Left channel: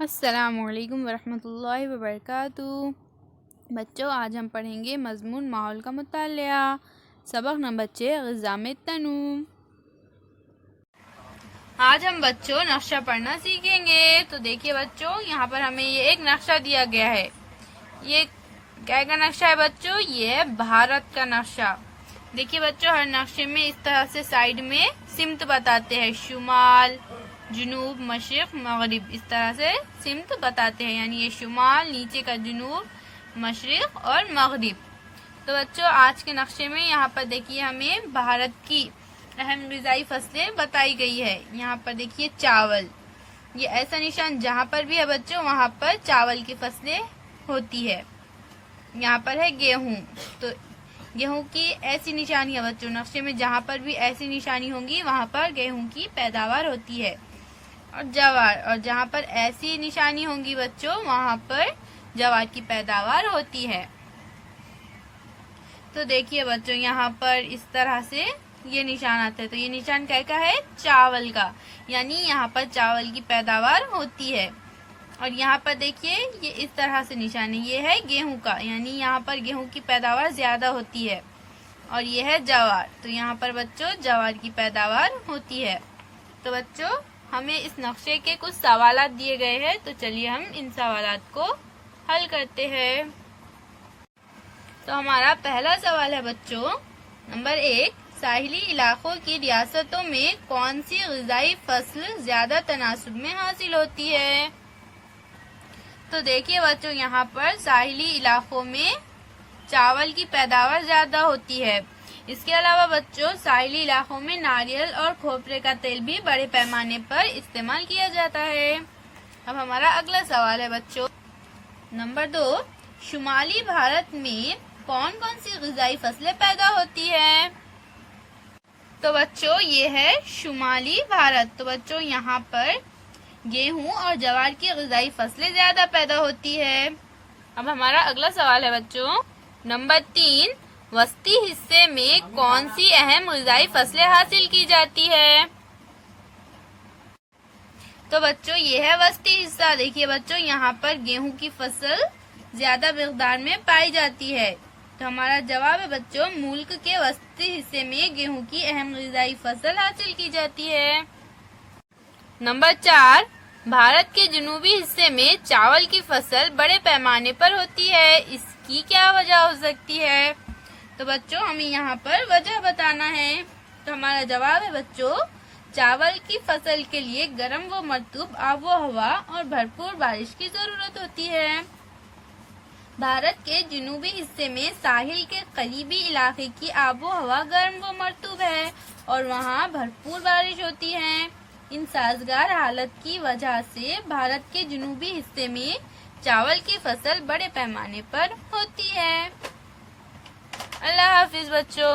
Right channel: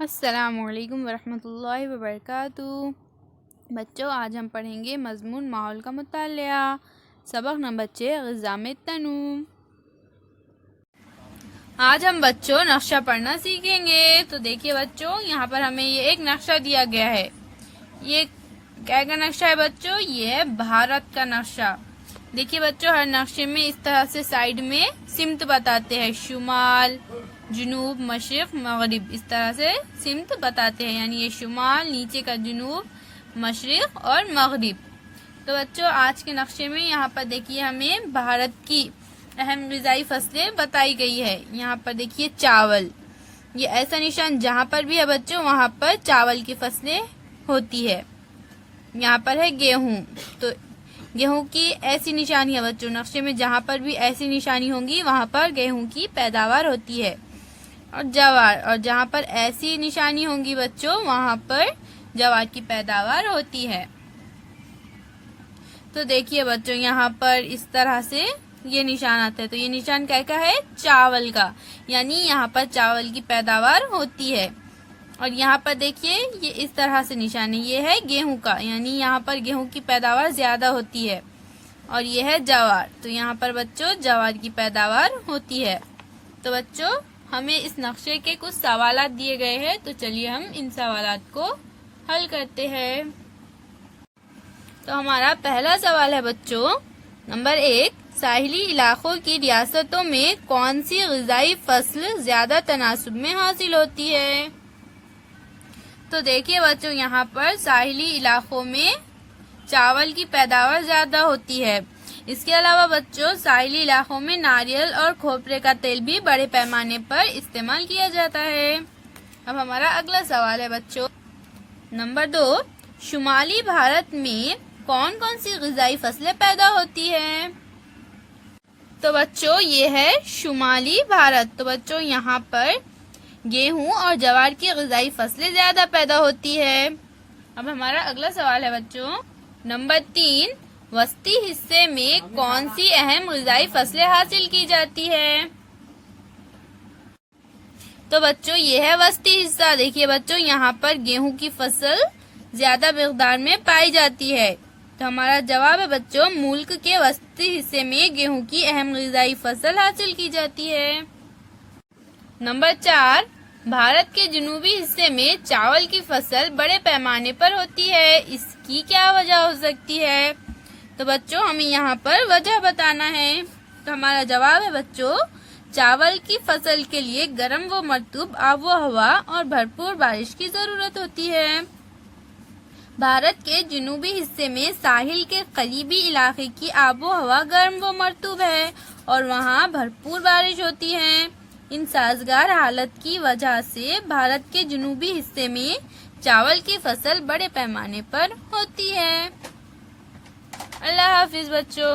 السلام علیکم ورحمۃ اللہ وبرکاتہ۔ بچوں، آج ہم پڑھیں گے مضمون ماحول کا مطالعہ، سبق نمبر 6 غذا میں تنوع۔ آج ہم بچوں نقشہ پڑھنا سیکھیں گے۔ تو دیکھیے بچوں، یہاں پر ہمیں یہ ایک نقشہ دیا گیا ہے۔ یہ کیا کا نقشہ ہے بچوں؟ یہ ہے بھارت کا نقشہ۔ دیکھیے بچوں، ہر نقشے میں اس طرح سے سائیڈ میں سمت بتاتے ہیں، شمال، جنوب، مشرق، مغرب، اس طرح سے سمت بتاتے ہیں، یعنی یہ شمال، نیچے کا جنوب، مشرق اور مغرب۔ تو بچوں، آج کے نقشے میں یہاں پر دیکھیے ہمیں بھارت کی اہم غذائی فصلیں بتائی گئی ہے۔ یہاں پر دیکھیے چاول، یہ ایسا نشان جہاں پر بھی ہے بچوں وہاں پر چاول کی فصلیں ہوتی ہے۔ یہاں پر ہے گیہوں، تو گیہوں کی ایسی نشانی ہے بچوں، نقشے میں جہاں پر بھی ایسی نشانی ہوں گی وہاں پر گیہوں کی پیداوار ہوتی ہے۔ اور جوار، اور جہاں پر ایسی نشانی ہوں گی بچوں وہاں پر جوار کی پیداوار ہوتی ہے۔ تو دیکھیے بچوں، یہاں پر اس طرح سے یہ نشان آتا ہے، تو یہ نشان کیا کا ہے؟ چاول کا، یعنی یہاں پر چاول کی پیداوار ہوتی ہے۔ اور یہاں پر دیکھیے یہ اس طرح سے نشان ہے، یہ ہے گیہوں کا، یعنی یہاں پر گیہوں کی پیداوار زیادہ ہوتی ہے۔ اور یہ ہے جوار، تو یہاں پر بچوں جوار کی پیداوار ہوتی ہے۔ تو بچوں، ہمیں اس نقشے کے کچھ سوالات دیے گئے ہیں، تو چلیے ہم ان سوالات کو حل کرتے ہیں۔ تو ہمارا پہلا سوال ہے بچوں، نمبر 1، ساحلی علاقوں کی ریاستوں میں کون سی غذائی فصل زیادہ تناسب میں حاصل ہوتی ہے؟ تو دیکھیے بچوں، یہاں پر ساحلی علاقوں میں چاول کی پیداوار زیادہ ہوتی ہے۔ اس کے علاوہ بچوں، ساحلی علاقوں میں ناریل اور کھوپرے کا تیل بھی بڑے پیمانے پر استعمال کیا جاتا ہے۔ اب ہمارا اگلا سوال ہے بچوں، نمبر 2، شمالی بھارت میں کون کون سی غذائی فصلیں پیدا ہوتی ہیں؟ تو بچوں، یہ ہے شمالی بھارت، تو بچوں یہاں پر گیہوں اور جوار کی غذائی فصلیں زیادہ پیدا ہوتی ہے۔ اب ہمارا اگلا سوال ہے بچوں، نمبر 3، وسطی حصے میں کون سی اہم غذائی فصلیں حاصل کی جاتی ہے؟ تو بچوں، یہ ہے وسطی حصہ۔ دیکھیے بچوں، یہاں پر گیہوں کی فصل زیادہ مقدار میں پائی جاتی ہے۔ تو ہمارا جواب ہے بچوں، ملک کے وسطی حصے میں گیہوں کی اہم غذائی فصل حاصل کی جاتی ہے۔ نمبر 4، بھارت کے جنوبی حصے میں چاول کی فصل بڑے پیمانے پر ہوتی ہے، اس کی کیا وجہ ہو سکتی ہے؟ تو بچوں، ہمیں یہاں پر وجہ بتانا ہے۔ تو ہمارا جواب ہے بچوں، چاول کی فصل کے لیے گرم و مرطوب آب و ہوا اور بھرپور بارش کی ضرورت ہوتی ہے۔ بھارت کے جنوبی حصے میں ساحل کے قریبی علاقے کی آب و ہوا گرم و مرطوب ہے اور وہاں بھرپور بارش ہوتی ہے۔ ان سازگار حالت کی وجہ سے بھارت کے جنوبی حصے میں چاول کی فصل بڑے پیمانے پر ہوتی ہے۔ اللہ حافظ بچوں۔